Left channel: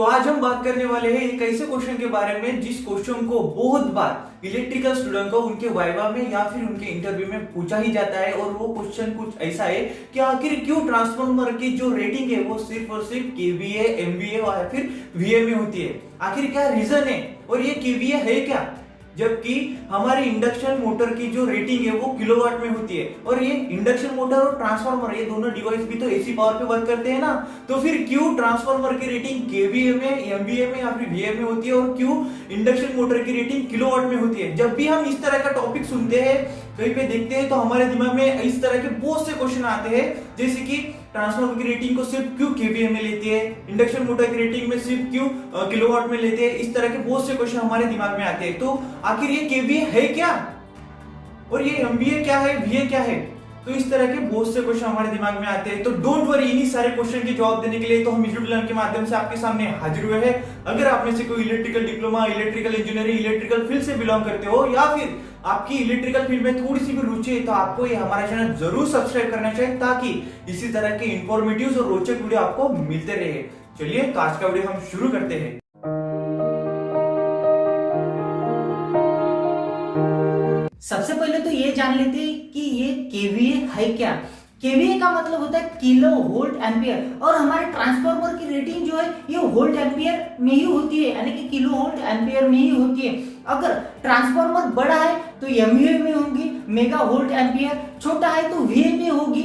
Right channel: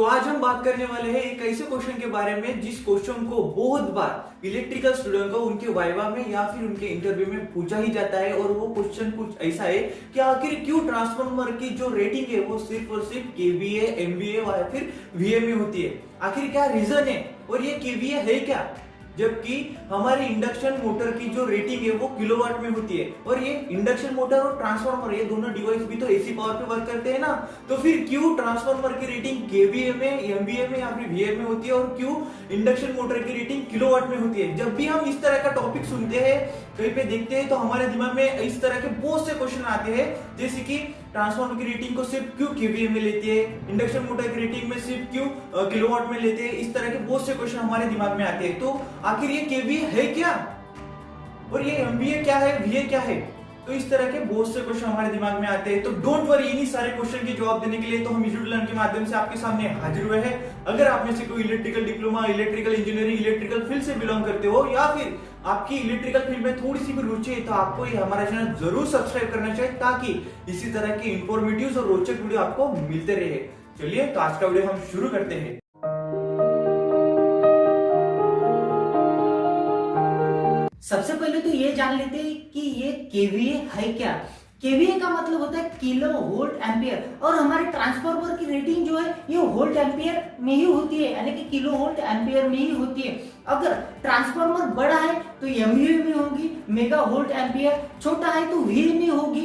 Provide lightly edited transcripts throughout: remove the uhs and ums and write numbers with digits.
तो आज हम बात करने वाले हैं एक ऐसे क्वेश्चन के बारे में जिस क्वेश्चन को बहुत बार इलेक्ट्रिकल स्टूडेंट को उनके वाइवा में या फिर उनके इंटरव्यू में पूछा ही जाता है। और वो क्वेश्चन कुछ ऐसा है कि आखिर क्यों ट्रांसफार्मर की जो रेटिंग है वो सिर्फ और सिर्फ केवीए, एमवीए या फिर वीए में होती है। आखिर क्या रीजन है और ये केवीए है क्या, जबकि हमारी इंडक्शन मोटर की जो रेटिंग है वो किलोवाट में होती है। और ये इंडक्शन मोटर और ट्रांसफार्मर ये दोनों डिवाइस भी तो एसी पावर पे वर्क करते हैं ना, तो फिर क्यों ट्रांसफार्मर की रेटिंग केवीए में, एमवीए में या फिर वीए में होती है और क्यों इंडक्शन मोटर की रेटिंग किलोवाट में होती है। जब भी हम इस तरह का टॉपिक सुनते हैं, कहीं पे देखते हैं, तो हमारे दिमाग में इस तरह के बहुत से क्वेश्चन आते हैं, जैसे कि ट्रांसफार्मर की रेटिंग को सिर्फ क्यों केवीए में लेती है, इंडक्शन मोटर की रेटिंग में सिर्फ क्यों किलोवाट में लेते हैं। इस तरह के बहुत से क्वेश्चन हमारे दिमाग में आते हैं। तो आखिर ये केवीए है क्या और ये एमवीए क्या है, वीए क्या है, तो इस तरह के बहुत से क्वेश्चन हमारे दिमाग में आते हैं। तो डोंट वरी, इन्हीं सारे क्वेश्चन के जवाब देने के लिए तो हम यूट्यूब लर्न के माध्यम से आपके सामने हाजिर हुए हैं। अगर आप में से कोई electrical diploma, electrical engineering, electrical field से बिलोंग करते हो या फिर आपकी इलेक्ट्रिकल फील्ड में थोड़ी सी भी रुचि है, तो आपको ये हमारा चैनल जरूर सब्सक्राइब करना चाहिए ताकि इसी तरह के इंफॉर्मेटिव और रोचक वीडियो आपको मिलते रहे। चलिए तो आज का वीडियो हम शुरू करते हैं। सबसे पहले तो ये जान लेते हैं कि ये केवीए है क्या। केवीए का मतलब होता है किलो वोल्ट एम्पियर, और हमारे ट्रांसफार्मर की रेटिंग जो है ये वोल्ट एम्पियर में ही होती है, यानी कि किलो वोल्ट एम्पियर में ही होती है। अगर ट्रांसफार्मर बड़ा है तो एमवीए में होगी मेगा वोल्ट एम्पियर, छोटा है तो वीए में होगी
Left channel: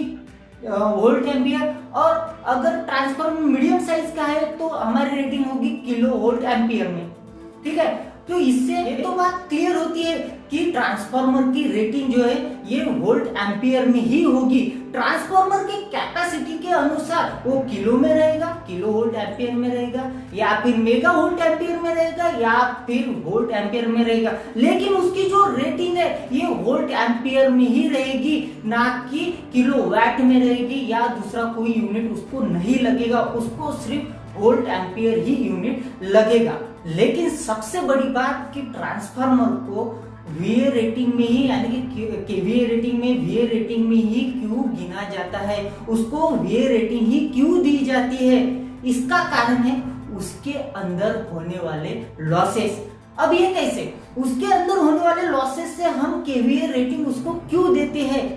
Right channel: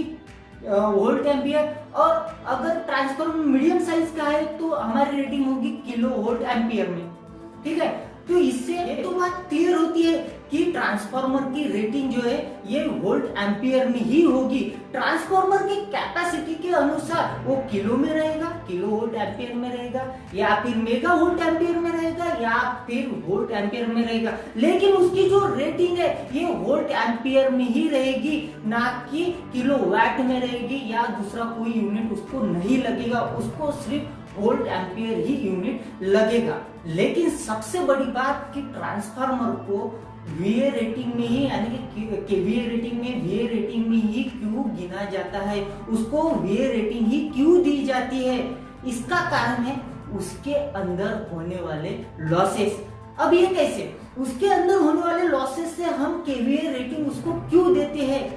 वोल्ट एम्पियर, और अगर ट्रांसफार्मर मीडियम साइज का है तो हमारी रेटिंग होगी किलो वोल्ट एम्पियर में। ठीक है, तो इससे एक तो बात क्लियर होती है कि ट्रांसफार्मर की रेटिंग जो है ये वोल्ट एम्पियर में ही होगी। ट्रांसफार्मर की कैपेसिटी के अनुसार वो किलो में रहेगा, किलो वोल्ट एम्पियर में रहेगा, या फिर मेगा वोल्ट एम्पियर में रहेगा, या फिर वोल्ट एम्पियर में रहेगा। लेकिन उसकी जो रेटिंग है ये वोल्ट एम्पियर में ही रहेगी, ना कि किलो वाट में रहेगी, या दूसरा कोई यूनिट उसको नहीं लगेगा, उसको सिर्फ वोल्ट एम्पियर ही यूनिट लगेगा। लेकिन सबसे बड़ी बात कि ट्रांसफार्मर को वीए रेटिंग में ही, यानी कि केवीए रेटिंग में, वीए रेटिंग में ही क्यों गिना जाता है, उसको वीए रेटिंग ही क्यों दी जाती है, इसका कारण है उसके अंदर होने वाले लॉसेस। अब ये कैसे, उसके अंदर होने वाले लॉसेस से हम केवीए रेटिंग उसको क्यों देते हैं,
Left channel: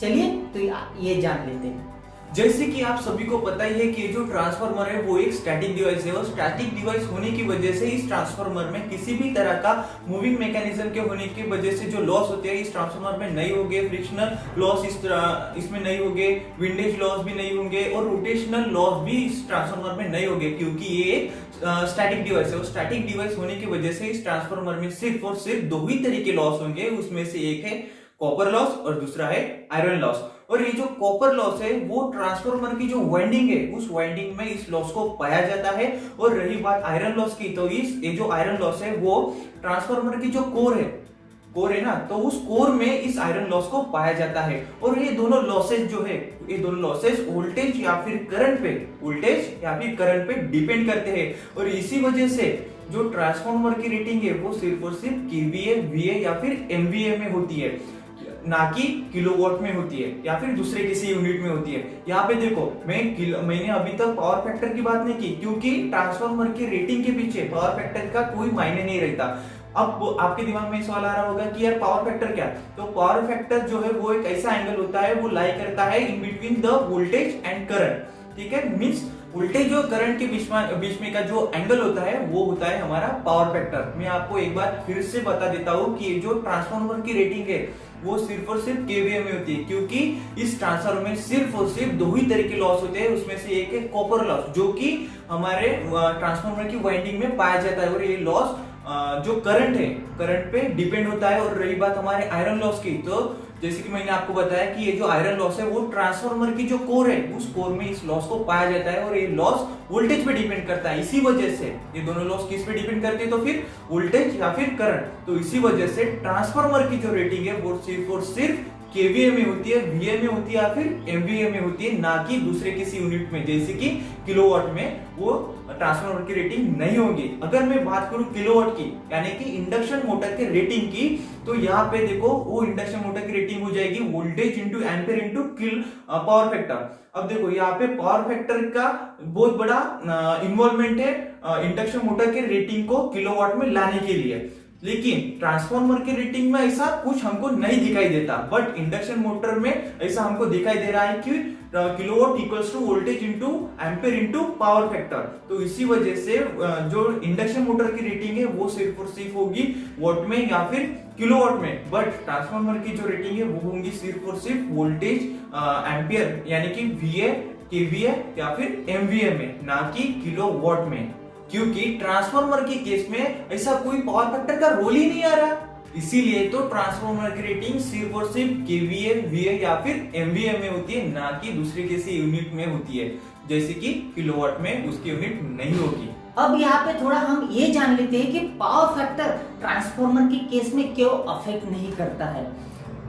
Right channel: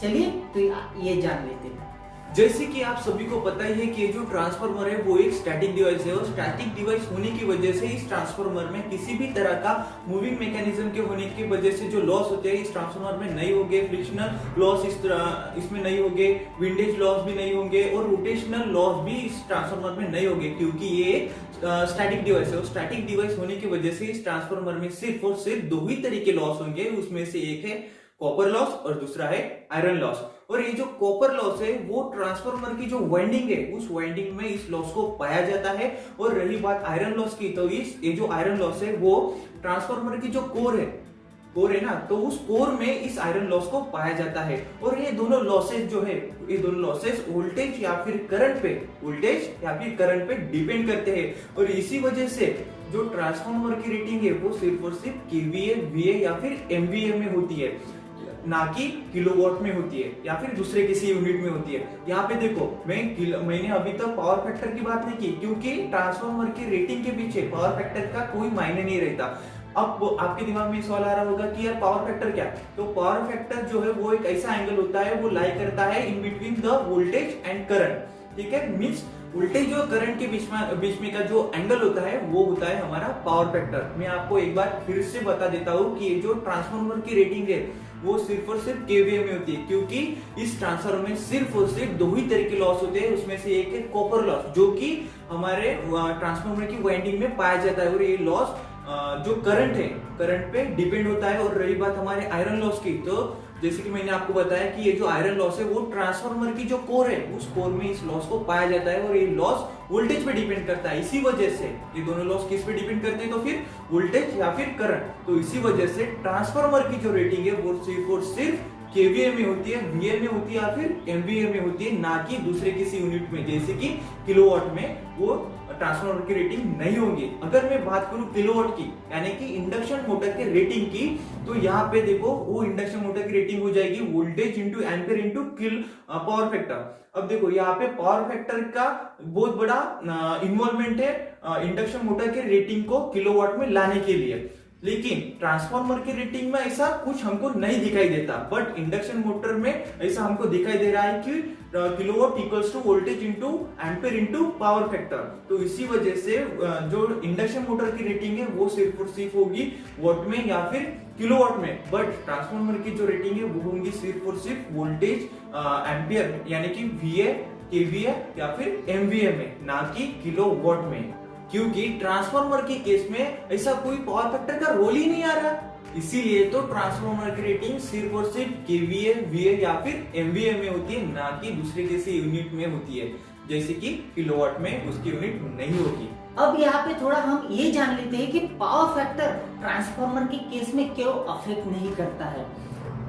चलिए तो ये जान लेते हैं। जैसे कि आप सभी को पता ही है कि जो ट्रांसफार्मर है वो एक स्टैटिक डिवाइस है, और स्टैटिक डिवाइस होने की वजह से इस ट्रांसफार्मर में किसी भी तरह का मूविंग मैकेनिज्म के होने की वजह से जो लॉस होते हैं इस ट्रांसफार्मर में नहीं होंगे। फ्रिक्शनल लॉस इसमें नहीं होंगे, विंडेज लॉस भी नहीं होंगे, और रोटेशनल लॉस भी इस ट्रांसफार्मर में नहीं होंगे, क्योंकि ये स्टैटिक डिवाइस है। और स्टैटिक डिवाइस होने की वजह से इस ट्रांसफार्मर में सिर्फ और सिर्फ दो ही तरह के लॉस होंगे, उसमें से एक है कॉपर लॉस और दूसरा है आयरन लॉस। और ये जो कॉपर लॉस है वो ट्रांसफार्मर की जो वाइंडिंग है उस वाइंडिंग में इस लॉस को पाया जाता है। और रही बात आयरन लॉस की, तो ये जो आयरन लॉस है वो ट्रांसफार्मर की जो कोर है ना, तो उस कोर में इस आयरन लॉस को पाया जाता है। और ये दोनों लॉसेस जो है, ये दोनों लॉसेस वोल्टेज या फिर करंट पे डिपेंड करते हैं। और इसी वजह से जो ट्रांसफार्मर की रेटिंग है वो सिर्फ और सिर्फ केवीए, वीए या फिर एमवीए में होती है, ना कि किलोवाट में होती है या फिर दूसरे किसी यूनिट में होती है। यहाँ पे देखो, मैंने अभी तक पावर फैक्टर की बात नहीं की, क्योंकि ट्रांसफार्मर की रेटिंग के पीछे पावर फैक्टर का कोई मायने नहीं रहता। अब आपके दिमाग में सवाल आ रहा होगा कि यार पावर फैक्टर क्या, तो पावर फैक्टर जो है वो एक ऐसा एंगल होता है, वो लाई करता है in between the voltage and current. ठीक है, मींस वोल्टेज और करंट के बीच में का जो एंगल होता है वो होता है हमारा पावर फैक्टर। मैं आपको एक बार फिर से बता देता हूँ कि ये जो ट्रांसफार्मर की रेटिंग है वो सिर्फ और सिर्फ केवीए में होती है, क्योंकि इस ट्रांसफार्मर में सिर्फ और सिर्फ दो ही तरह के लॉस होते हैं। उसमें से एक है कॉपर लॉस, जो कि हमारे ट्रांसफार्मर की वाइंडिंग में पाया जाता है, और ये लॉस जो करंट पे डिपेंड होता है। और रही बात हमारे आयरन लॉस की, तो जैसे कि मैंने आपको बताया कि ये जो आयरन लॉस है वो ट्रांसफार्मर की जो कोर है उस कोर में इस लॉस को पाया जाता है, और ये लॉस वोल्टेज पे डिपेंड करता है। इसी वजह से ये दोनों लॉस किस पे डिपेंड करते हैं, तो फिर वोल्टेज या फिर करंट। तो इसी वजह से ट्रांसफार्मर की जो रेटिंग है वो सिर्फ और सिर्फ केवीए में होती है, वीए में होती है या फिर एमवीए में होती है, ना कि दूसरे किसी यूनिट में, जैसे कि किलोवाट में वो ट्रांसफार्मर की रेटिंग नहीं होगी। अगर मैं बात करूं किलोवाट की, यानी कि इंडक्शन मोटर के रेटिंग की, तो यहाँ पे देखो वो इंडक्शन मोटर की रेटिंग हो जाएगी वोल्टेज इंटू एम्पियर इंटू किल पावर फैक्टर। अब देखो यहाँ पे पावर फैक्टर का बहुत बड़ा इन्वॉल्वमेंट है इंडक्शन मोटर के रेटिंग को किलोवाट में लाने के लिए, लेकिन ट्रांसफार्मर की रेटिंग में ऐसा कुछ हमको नहीं दिखाई देता। बट इंडक्शन मोटर में ऐसा हमको दिखाई दे रहा है कि kilowatt equals to voltage into ampere into power factor. तो इसी वजह से जो इंडक्शन मोटर की रेटिंग है वो सिर्फ और सिर्फ होगी वॉट में या फिर किलोवाट में, बट ट्रांसफार्मर की जो रेटिंग है वो होंगी सिर्फ और सिर्फ वोल्टेज एम्पियर यानी कि VA, KVA या फिर MVA में, ना कि किलोवाट में, क्योंकि ट्रांसफार्मर के केस में ऐसा कोई पावर फैक्टर का रोल ही नहीं आ रहा। इसीलिए तो ट्रांसफार्मर की रेटिंग सिर्फ और सिर्फ KVA, VA या फिर MVA में होती है, ना कि दूसरे जैसे यूनिट में होती है, जैसे कि किलोवाट में उसकी यूनिट नहीं होगी। अब यहाँ पे थोड़ा हम ये जान लेते हैं कि पावर फैक्टर ट्रांसफार्मर के केस में क्यों अफेक्ट नहीं करता है।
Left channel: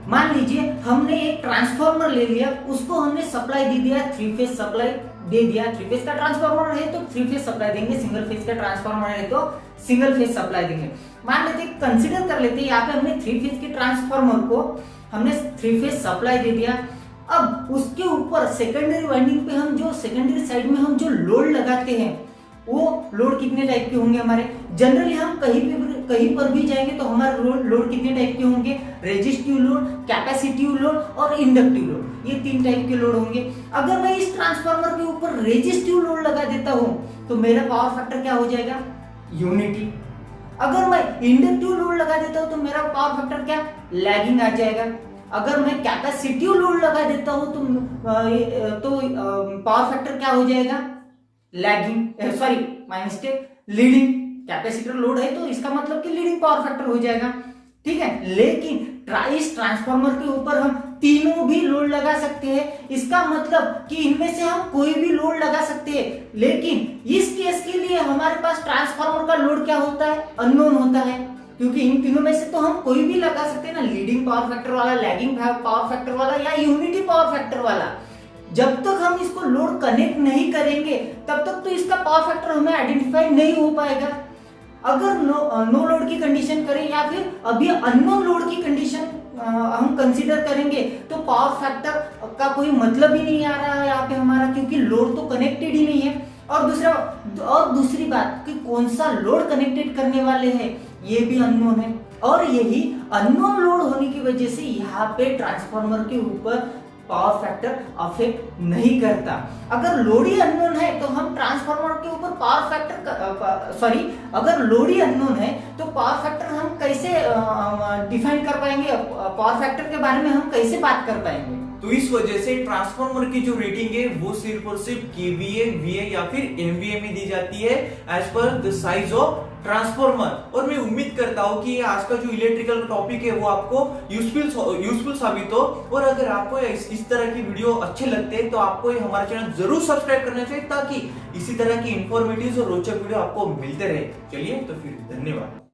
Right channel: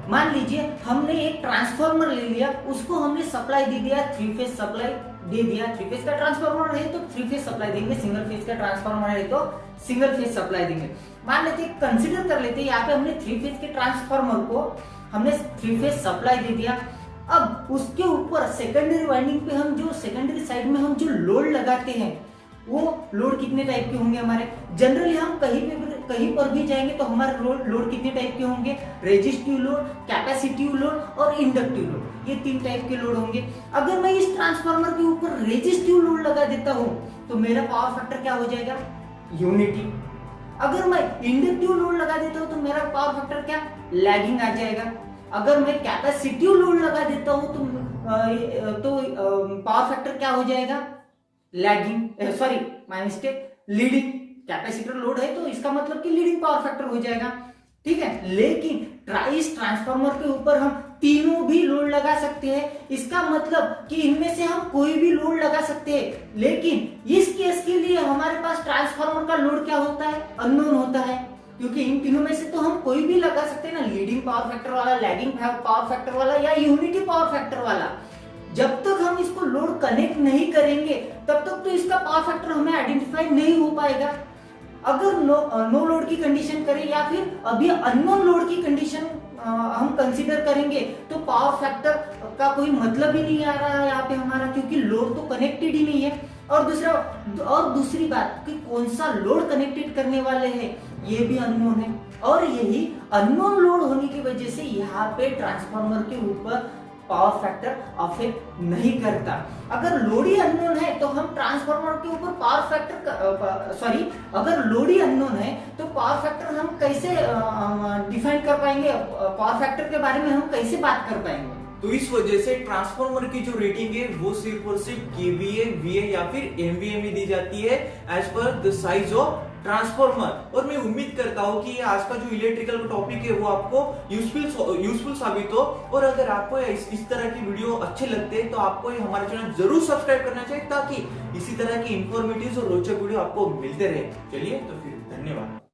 मान लीजिए हमने एक ट्रांसफार्मर ले लिया, उसको हमने सप्लाई दे दिया, 3 फेज सप्लाई दे दिया। 3 फेज का ट्रांसफार्मर है तो 3 फेज सप्लाई देंगे, सिंगल फेज का ट्रांसफार्मर है तो सिंगल फेज सप्लाई देंगे। मान लेते कंसीडर कर लेते यहाँ पे हमने 3 फेज के ट्रांसफार्मर को हमने 3 फेज सप्लाई दे दिया। अब उसके ऊपर सेकेंडरी वाइंडिंग पे हम जो सेकेंडरी साइड में हम जो लोड लगाते हैं वो लोड कितने टाइप के होंगे हमारे। जनरली हम कहीं पर भी जाएंगे तो हमारे लोड कितने टाइप के होंगे, रेजिस्टिव लोड, कैपेसिटिव लोड और इंडक्टिव लोड, ये 3 टाइप के लोड होंगे। अगर मैं इस ट्रांसफार्मर के ऊपर रेजिस्टिव लोड लगा देता हूं तो मेरा पावर फैक्टर क्या हो जाएगा, यूनिटी। अगर मैं इंडक्टिव लोड लगा देता हूं तो मेरा पावर फैक्टर क्या, लैगिंग आ जाएगा। अगर मैं कैपेसिटिव लोड लगा देता हूं तो पावर फैक्टर क्या हो जाएगा, lagging, sorry my mistake, leading. Capacitor load है तो इसका मतलब कि लीडिंग पावर फैक्टर हो जाएगा, ठीक है। लेकिन इस ट्रांसफार्मर के ऊपर हम तीनों भी लोड लगा सकते हैं, इसका मतलब कि इनमें से हम कोई भी लोड लगा सकते हैं। लेकिन इस केस के लिए हमारे पास ट्रांसफार्मर का लोड क्या होता है, अननोन होता है, क्योंकि इन तीनों में से तो हम कोई भी लगा सकते हैं ना, लीडिंग पावर फैक्टर वाला, लैगिंग पावर फैक्टर वाला या यूनिटी पावर फैक्टर वाला। जब तक हम इसको लोड कनेक्ट नहीं करेंगे तब तक तो इसका पावर फैक्टर हमें आइडेंटिफाई नहीं हो पाएगा। अगर नो लोड की कंडीशन करें या फिर अभी अननोन लोड की कंडीशन हम कंसीडर करेंगे तो पावर फैक्टर का कोई मतलब ही नहीं आ रहा है यहाँ पे हमारा, क्योंकि लोड तो कनेक्टेड ही नहीं है। और दूसरी बात कि कौन सा लोड कनेक्टेड करने वाले हैं ये भी अननोन है, और यही अननोन लोड होने की वजह से यहाँ पे ट्रांसफार्मर के ऊपर पावर फैक्टर अफेक्ट नहीं करता। अगर लोड ही अननोन है तो हम ट्रांसफार्मर के ऊपर पावर फैक्टर अगर लोड ही अननोन है तो पावर फैक्टर हम कैसे डिफाइन कर पाएंगे, पावर फैक्टर के बारे में हम कैसे बात कर पाएंगे। तो इस वजह से ट्रांसफार्मर की जो रेटिंग है वो सिर्फ और सिर्फ KVA, VA या फिर MVA में दी जाती है as per the size of transformer. और मैं उम्मीद करता हूँ कि आज का जो इलेक्ट्रिकल टॉपिक है वो आपको यूजफुल साबित हो। और अगर आपको इस तरह की वीडियो अच्छे लगते हैं तो आपको हमारा चैनल जरूर सब्सक्राइब करना चाहिए, ताकि इसी तरह की इंफॉर्मेटिव और रोचक वीडियो आपको मिलते रहे। चलिए तो फिर धन्यवाद।